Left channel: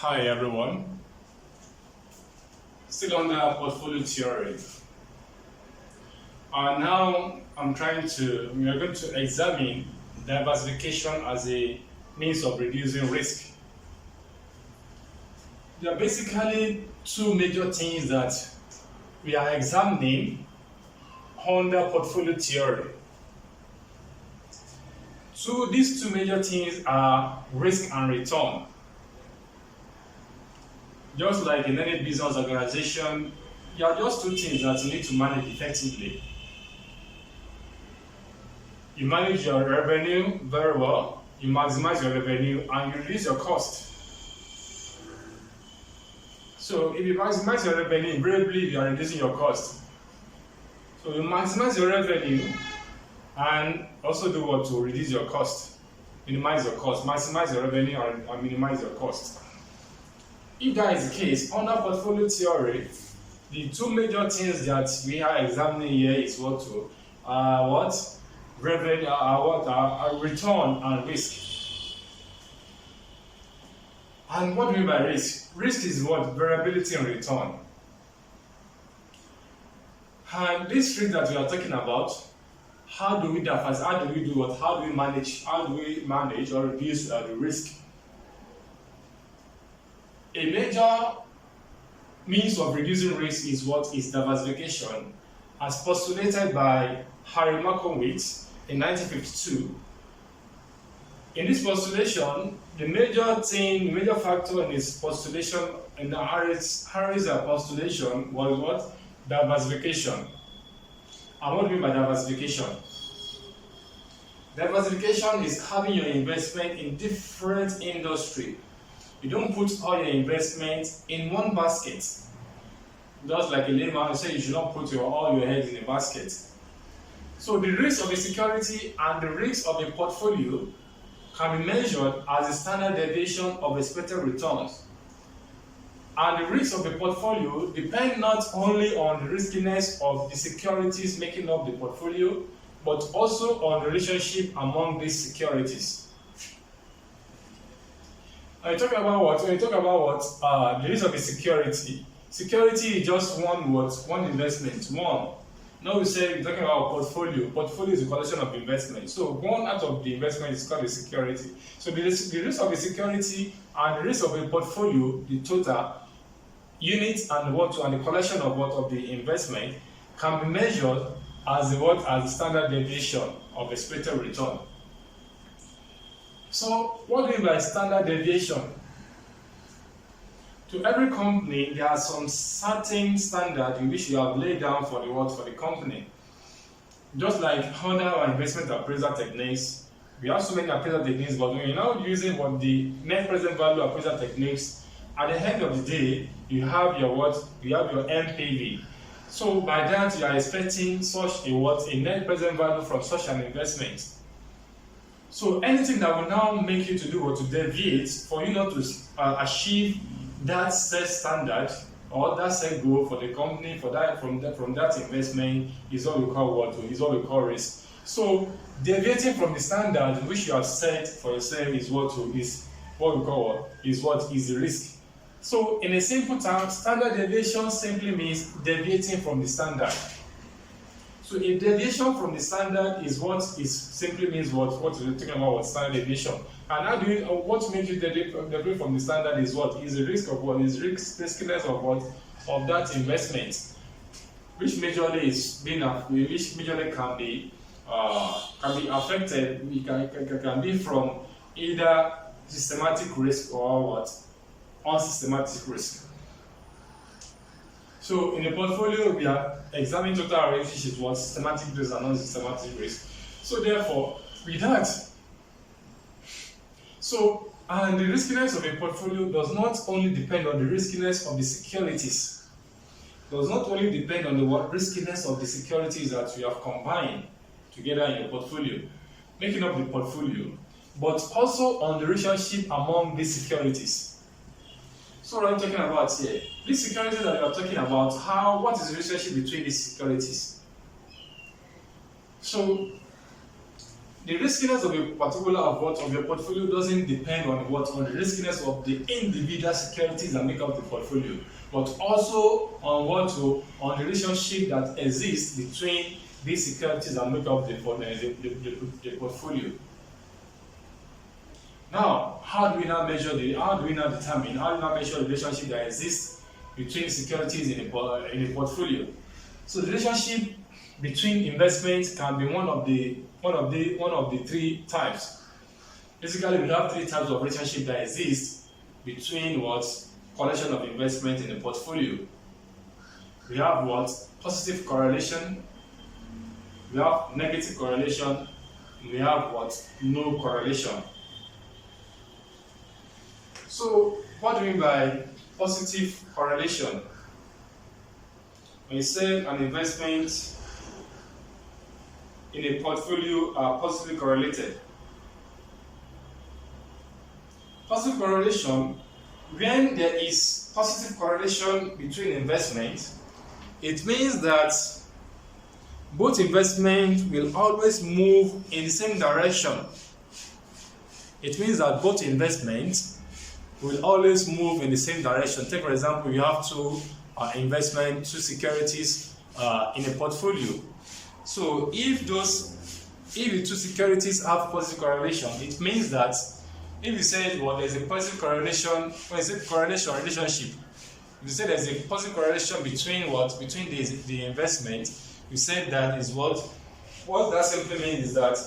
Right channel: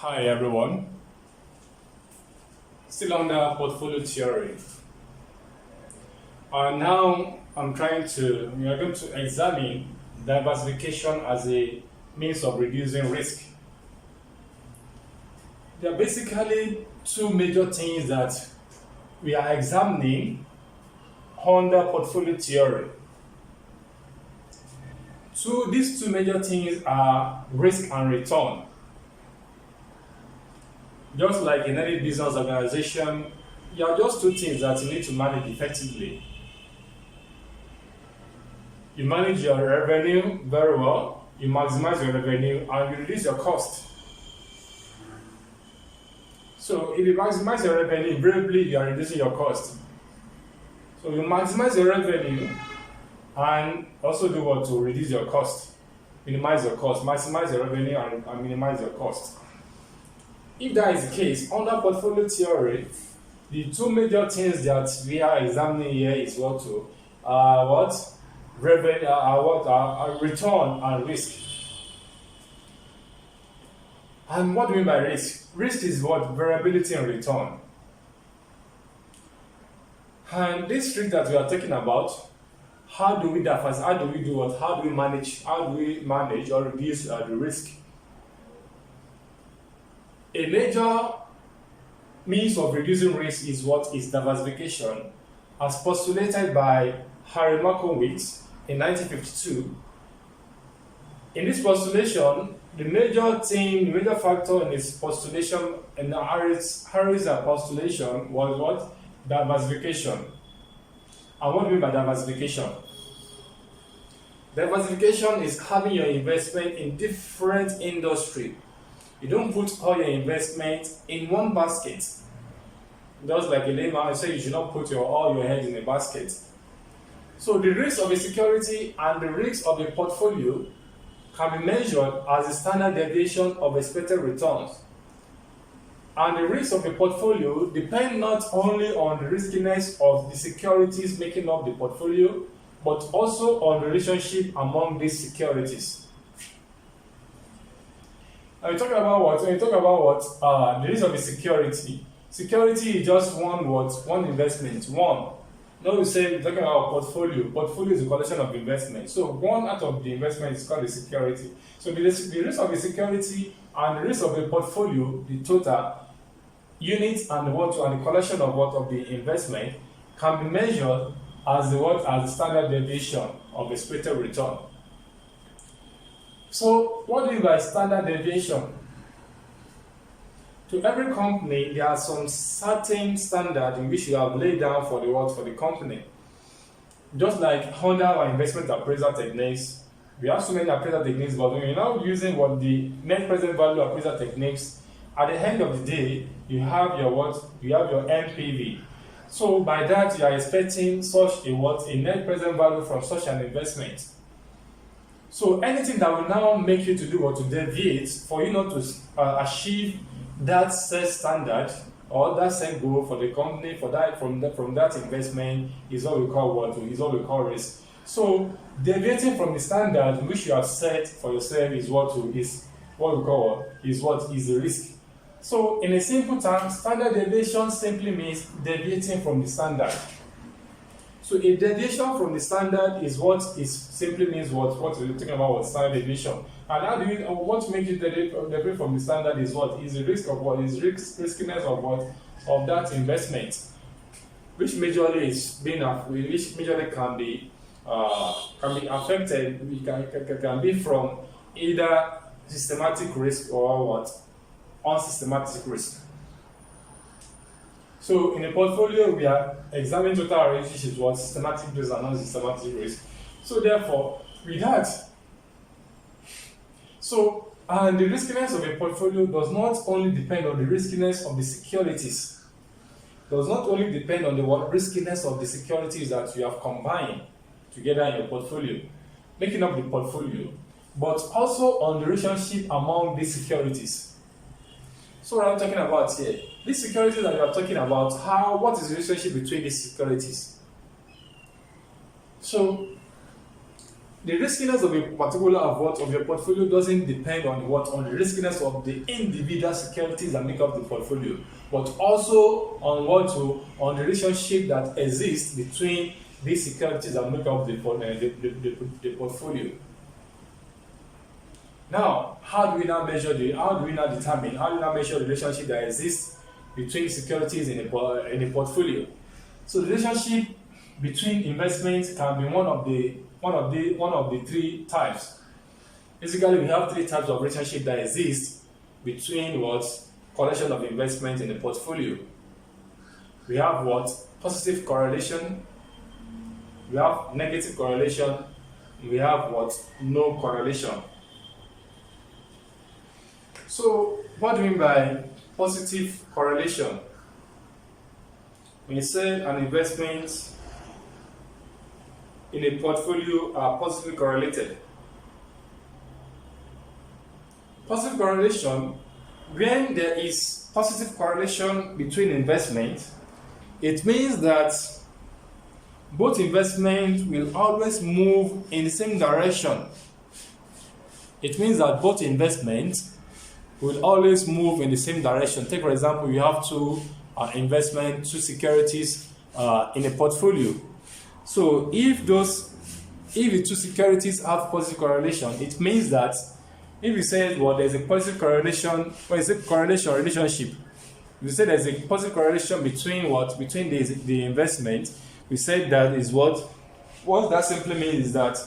Hi everyone, still on the portfolio theory. Now we are going to examine diversification as a means of reducing risk. There are basically two major things that we are examining under portfolio theory. These two major things are risk and return. Just like in any business organization, there are just two things that you need to manage effectively. You manage your revenue very well, you maximize your revenue, and you reduce your cost. So if you maximize your revenue, invariably you are reducing your cost. So you maximize your revenue and also do what to reduce your cost, minimize your cost, maximize your revenue and minimize your cost. If that is the case, under portfolio theory, the two major things that we are examining here is return and risk. And what do we mean by risk? Risk is what? Variability in return. And this risk that we are talking about, how do we manage or reduce the risk? A major means of reducing risk is diversification, as postulated by Harry Markowitz in 1952. In this postulation, the major factor in his postulation, in Harry's postulation, was what? Diversification. And what do we mean by diversification? Diversification is having your investment in different industries. You don't put all your investment in one basket. Just like a layman say, you should not put all your eggs in a basket. So the risk of a security and the risk of a portfolio can be measured as the standard deviation of expected returns. And the risk of a portfolio depend not only on the riskiness of the securities making up the portfolio, but also on the relationship among these securities. When you talk about the risk of a security is just one investment. Now we say we're talking about portfolio. Portfolio is a collection of investments. So one out of the investment is called a security. So the risk of a security and the risk of a portfolio, the total units and the collection of the investment can be measured as the standard deviation of expected return. So what do we mean by standard deviation? To every company, there are some certain standard in which you have laid down for the company. Just like under our investment appraisal techniques, we have so many appraisal techniques, but when you're now using the net present value appraisal techniques, at the end of the day, you have your NPV. So by that, you are expecting such a net present value from such an investment. So anything that will now make you to do or to deviate for you not to achieve that set standard or that set goal for the company from that investment is what we call risk. So deviating from the standard which you have set for yourself is the risk. So in a simple term, standard deviation simply means deviating from the standard. So if deviation from the standard simply means what we're talking about standard deviation. And what makes it deviate from the standard is the risk of riskiness of that investment, which majorly can be affected. It can be from either systematic risk or unsystematic risk. So in a portfolio, we are examining total risk, which is systematic risk and non-systematic risk. So therefore, with that, and the riskiness of a portfolio does not only depend on the riskiness of the securities, does not only depend on the riskiness of the securities that you have combined together in your portfolio, making up the portfolio, but also on the relationship among these securities. So what are we talking about here? These securities that we are talking about, what is the relationship between these securities? So the riskiness of a particular of your portfolio doesn't depend on the riskiness of the individual securities that make up the portfolio, but also on the relationship that exists between these securities that make up the portfolio. Now, how do we now measure the relationship that exists between securities in a portfolio? So the relationship between investments can be one of the three types. Basically, we have three types of relationship that exist between correlation of investment in a portfolio. We have positive correlation, we have negative correlation, we have no correlation. So, what do we mean by positive correlation? When you say an investment in a portfolio are positively correlated. Positive correlation, when there is positive correlation between investments, it means that both investments will always move in the same direction. It means that both investments will always move in the same direction. Take for example, you have two securities in a portfolio. So if the two securities have positive correlation, it means that if you say there's a positive correlation, when you say correlation relationship, you say there's a positive correlation between the investment, we said that is what that simply means is that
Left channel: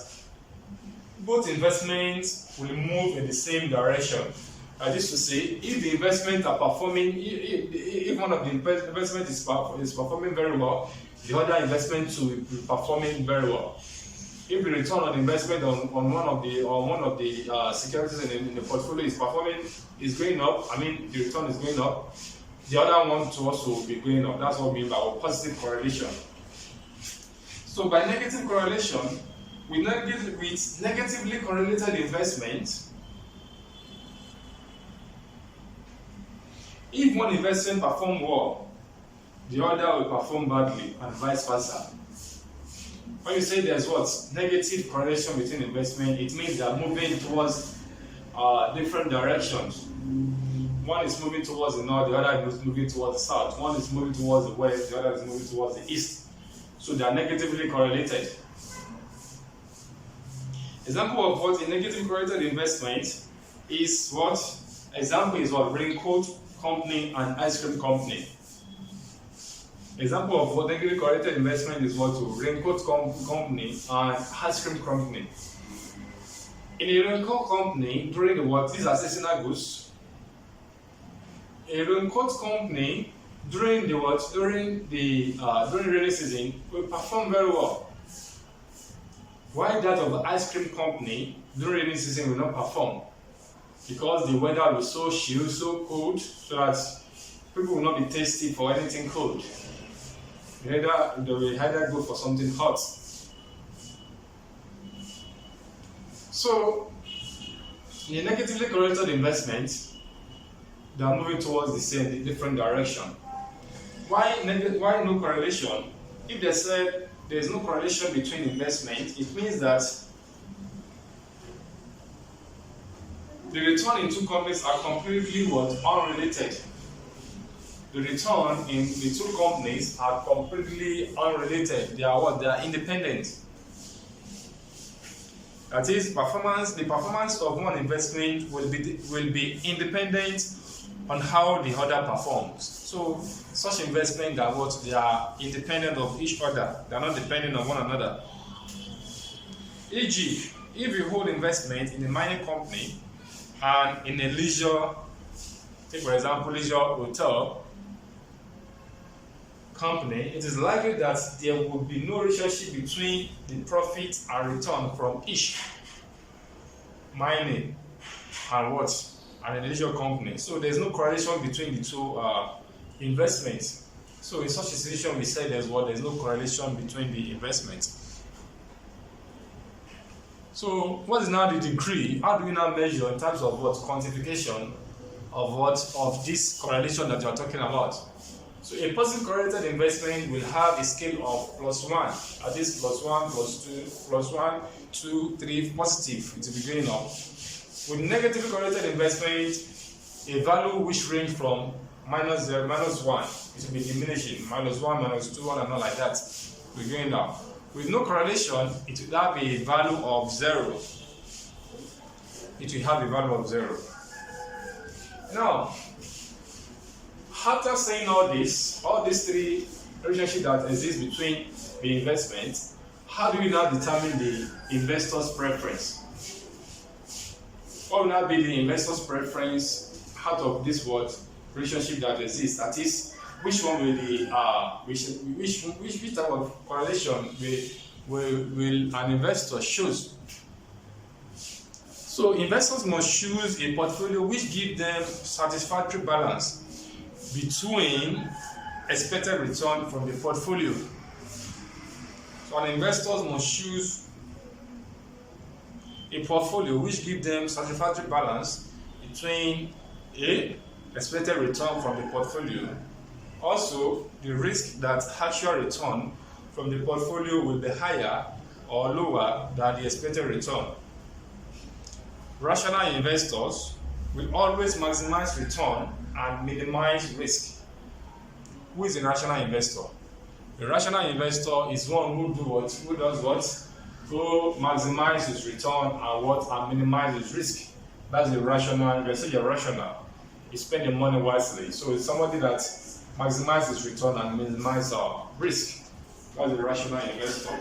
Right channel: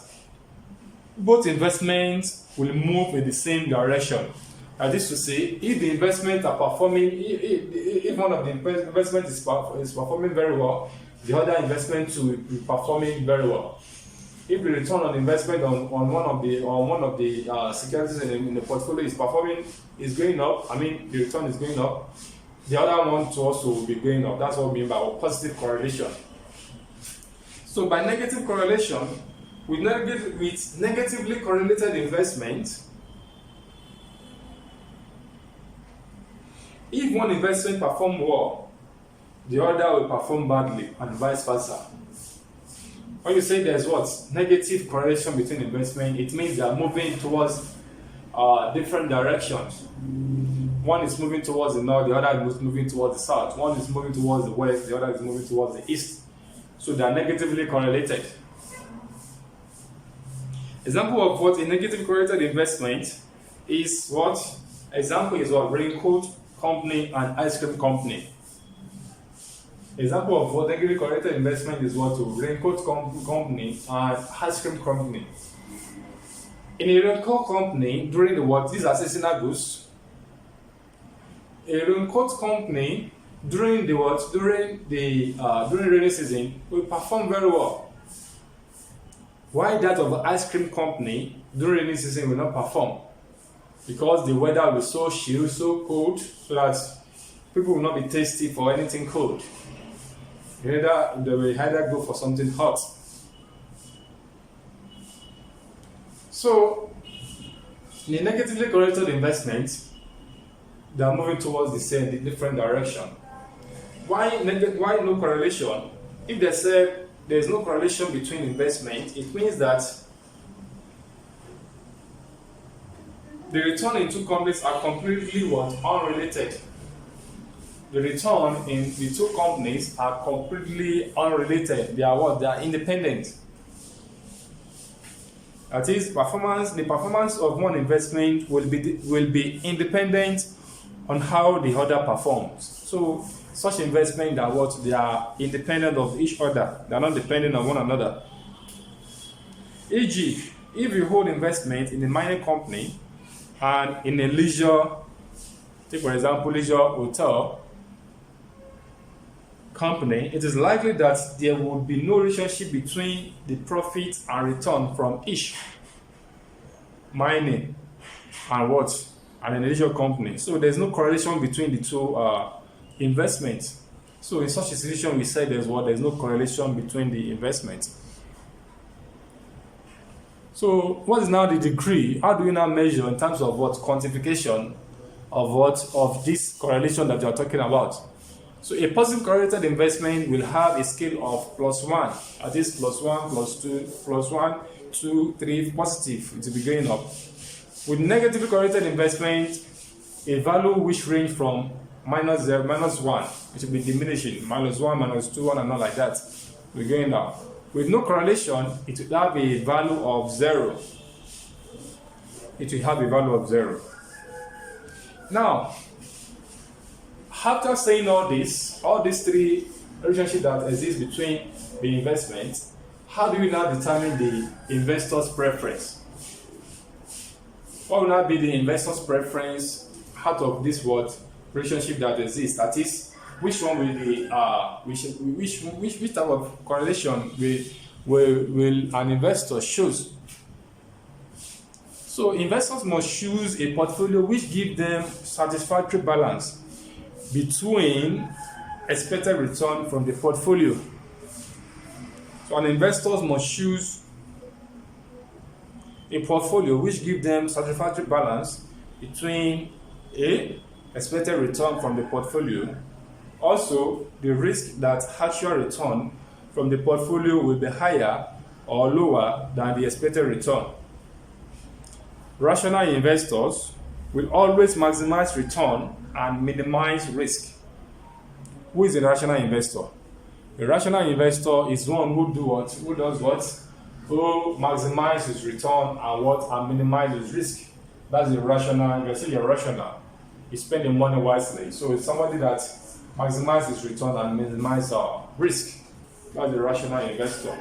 both investments will move in the same direction. That is to say, if the investment are performing, if one of the investment is performing very well, the other investment will be performing very well. If the return on investment on one of the securities in the portfolio is going up, the return is going up, the other one to also be going up. That's what we mean by positive correlation. So by negative correlation, with negatively correlated investment, if one investment performs well, the other will perform badly, and vice versa. When you say there's negative correlation between investment, it means they are moving towards different directions. One is moving towards the north, the other is moving towards the south. One is moving towards the west, the other is moving towards the east. So they are negatively correlated. Example of a negatively correlated investment is raincoat company and ice cream company. Example of negatively correlated investment is raincoat company and ice cream company. In a raincoat company, during these are seasonal goods. A raincoat company during rainy season will perform very well. Why that of the ice cream company during rainy season will not perform? Because the weather will be so chill, so cold, so that people will not be thirsty for anything cold. They will either go for something hot. So, in a negatively correlated investment, they are moving towards the different direction. Why no correlation? If they say there is no correlation between investment, it means that the return in two companies are completely unrelated. The return in the two companies are completely unrelated. They are independent. That is, the performance of one investment will be independent on how the other performs. So such investment they are independent of each other. They are not dependent on one another. E.g., if you hold investment in a mining company and in a leisure, take for example leisure hotel company, it is likely that there would be no relationship between the profit and return from each mining and a leisure company. So there's no correlation between the two investments. So in such a situation, we say there's no correlation between the investments. So what is now the degree? How do we now measure in terms of quantification of this correlation that you are talking about? So a positive correlated investment will have a scale of +1. That is +1, +2, +1, 2, 3 positive, it will be going up. With negatively correlated investment, a value which range from minus 0, minus 1, it will be diminishing, minus 1, minus 2, and all like that, will be going up. With no correlation, it will have a value of 0. It will have a value of 0. Now, after saying all these three relationships that exist between the investment, how do we now determine the investor's preference? What will now be the investor's preference out of this relationship that exists? That is, which one will the which type of correlation will an investor choose? So investors must choose a portfolio which gives them satisfactory balance between expected return from the portfolio. So an investors must choose a portfolio which gives them satisfactory balance between expected return from the portfolio, also the risk that actual return from the portfolio will be higher or lower than the expected return. Rational investors will always maximize return and minimize risk. Who is a rational investor? A rational investor is one who does what? Who maximizes return and minimizes risk. That's a rational investor. You're rational. You spend your money wisely. So it's somebody that maximizes return and minimizes risk. That's a rational investor.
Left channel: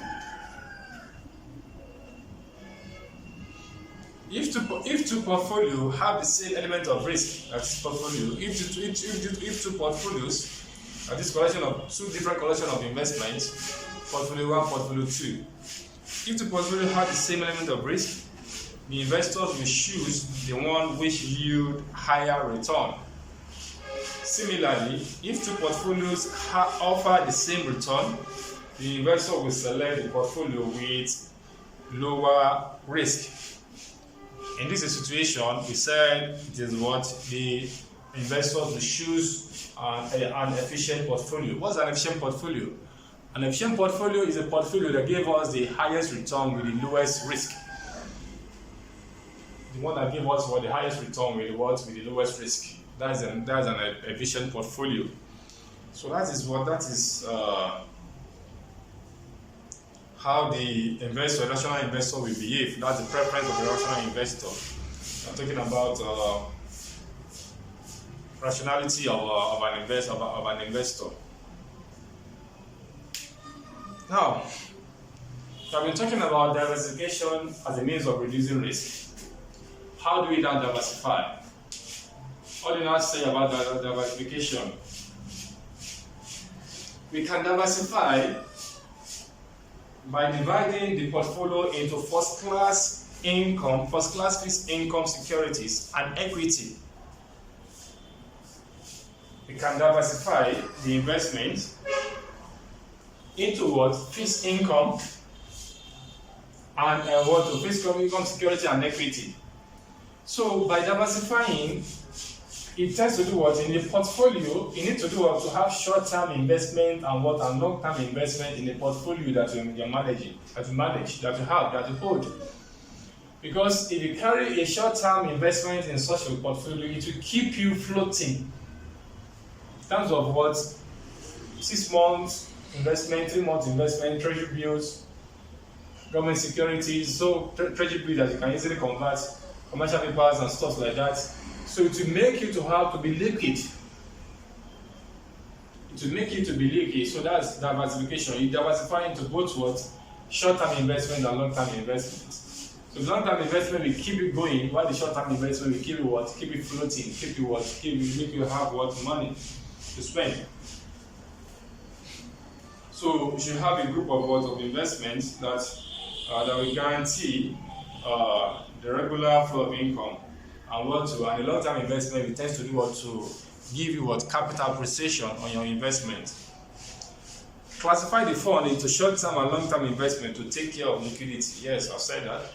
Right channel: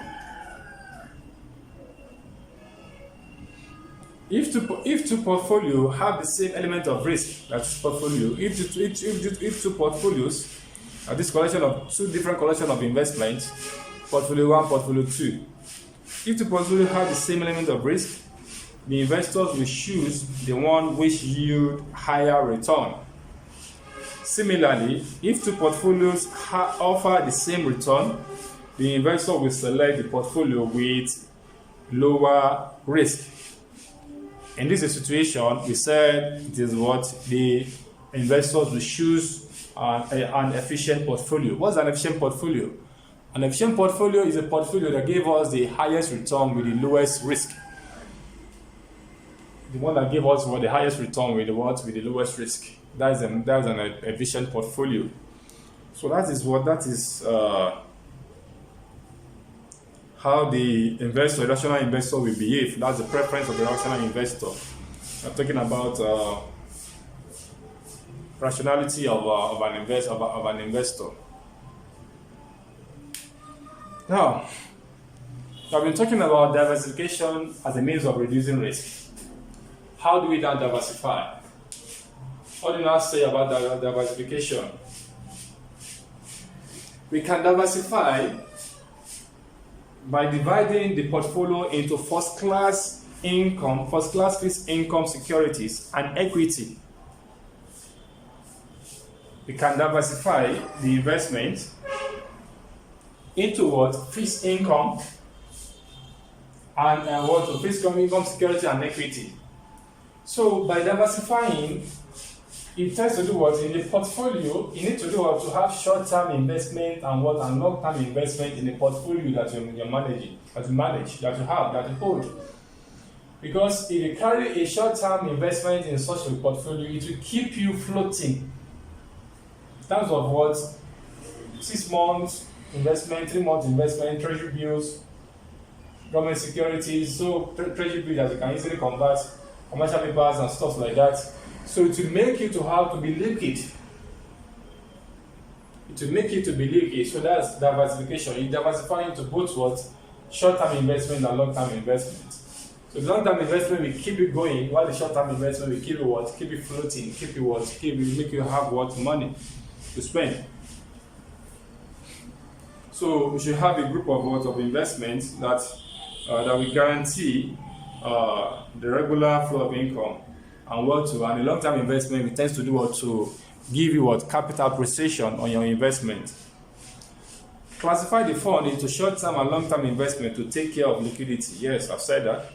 If two portfolios have the same element of risk, that's portfolio. If two portfolios are this collection of two different collection of investments, portfolio 1, portfolio 2. If the portfolio have the same element of risk, the investors will choose the one which yield higher return. Similarly, if two portfolios offer the same return, the investor will select the portfolio with lower risk. In this situation, we said it is what the investors will choose an efficient portfolio. What's an efficient portfolio? An efficient portfolio is a portfolio that gave us the highest return with the lowest risk. The one that gave us the highest return with the lowest risk. That is an efficient portfolio. So that is how the rational investor will behave. That's the preference of the rational investor. I'm talking about rationality of an investor. Now, I've been talking about diversification as a means of reducing risk. How do we now diversify? What do you now say about diversification? We can diversify by dividing the portfolio into first-class fixed income securities and equity. We can diversify the investment into fixed income and fixed income security and equity. So by diversifying, it tends to do what in the portfolio. You need to do what to have short-term investment and long-term investment in the portfolio that you're managing, that you hold. Because if you carry a short-term investment in such a portfolio, it will keep you floating. In terms of 6 months investment, 3 months investment, treasury bills, government securities, so treasury bills that you can easily convert, commercial papers and stuff like that. So to make you to have to be liquid. So that's diversification. You diversify into both short-term investment and long-term investment. So long-term investment will keep you going, while the short-term investment will keep you keep you floating, make you have money to spend. So we should have a group of investments that will guarantee the regular flow of income. And a long-term investment, it tends to do to give you capital appreciation on your investment. Classify the fund into short-term and long-term investment to take care of liquidity. Yes, I've said that.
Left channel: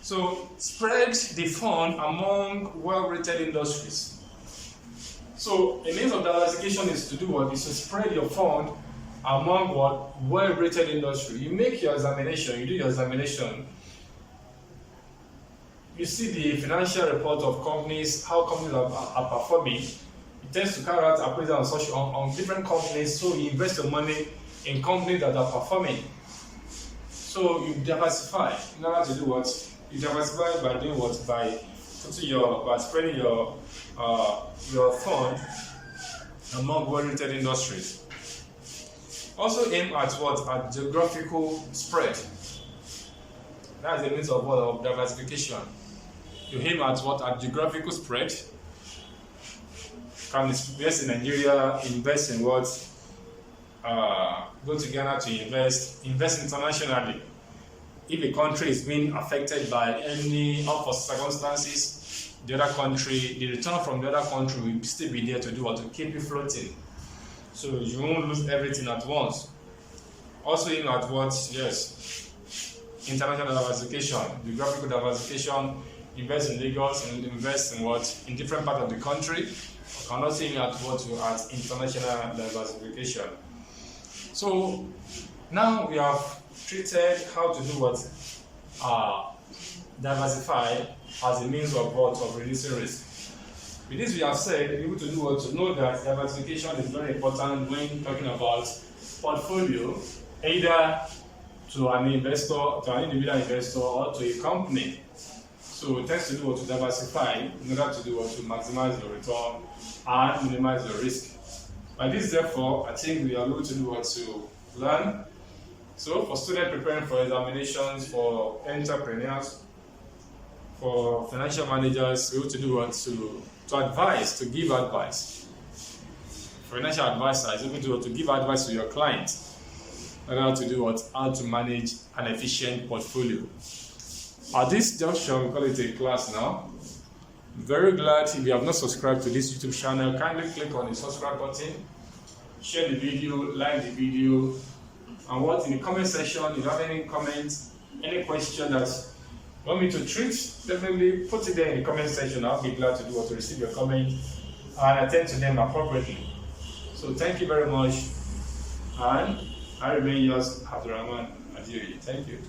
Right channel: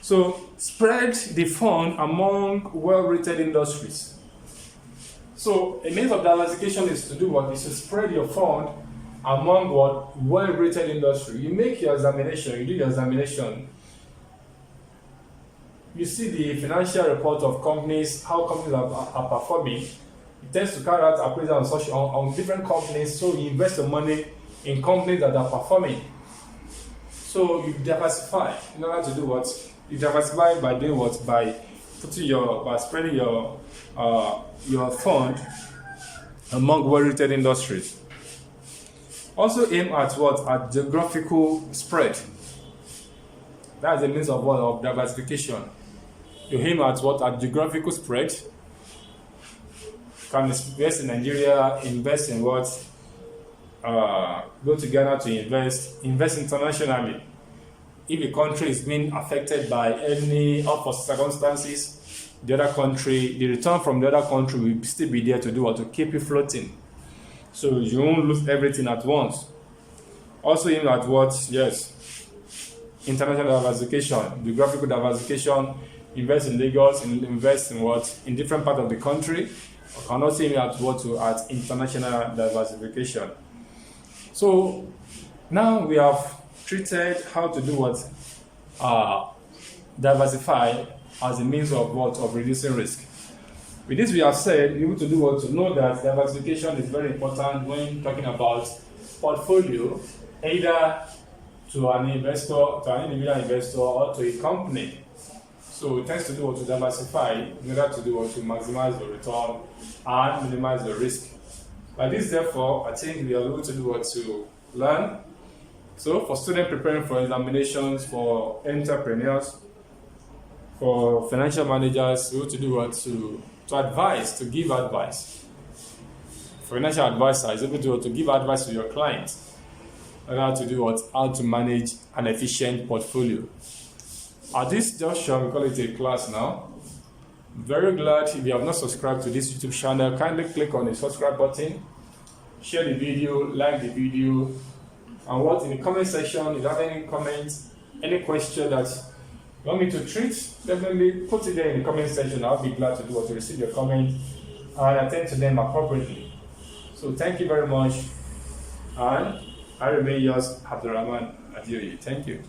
So spread the fund among well-rated industries. So a means of diversification is to do is to spread your fund among well-rated industry. You do your examination you see the financial report of companies, how companies are performing, it tends to carry out appraisal on different companies, so you invest your money in companies that are performing. So you diversify in order to do what? You diversify by doing what? By spreading your fund among well-rated industries. Also aim at what? At geographical spread. That's a means of what? Of diversification. You aim at what? At geographical spread. Can invest in Nigeria, invest in what? Go to Ghana to invest internationally. If a country is being affected by any circumstances, the return from the other country will still be there to do what? To keep you floating. So you won't lose everything at once. Also aim at what? Yes. International diversification, geographical diversification, invest in Lagos, invest in what? In different parts of the country. And also aim at what? At international diversification. So now we have treated how to do what? Diversify as a means of what? Of reducing risk. With this we have said, be able to do what? To know that diversification is very important when talking about portfolio, either to an investor, to an individual investor, or to a company. So it tends to do what? To diversify in order to do what? To maximize the return and minimize the risk. By this, therefore, I think we are able to do what? To learn. So for students preparing for examinations, for entrepreneurs, for financial managers, we able to do what? To advise, to give advice. Financial advisor is able to give advice to your clients on how to do what? How to manage an efficient portfolio. At this juncture, we call it a class now. Very glad. If you have not subscribed to this YouTube channel, kindly click on the subscribe button, share the video, like the video, and what in the comment section, if you have any comments, any question that you want me to treat, definitely put it there in the comment section. I'll be glad to do what? To receive your comment and attend to them appropriately. So thank you very much, and I remain yours, Abdurrahman Adioye. Thank you.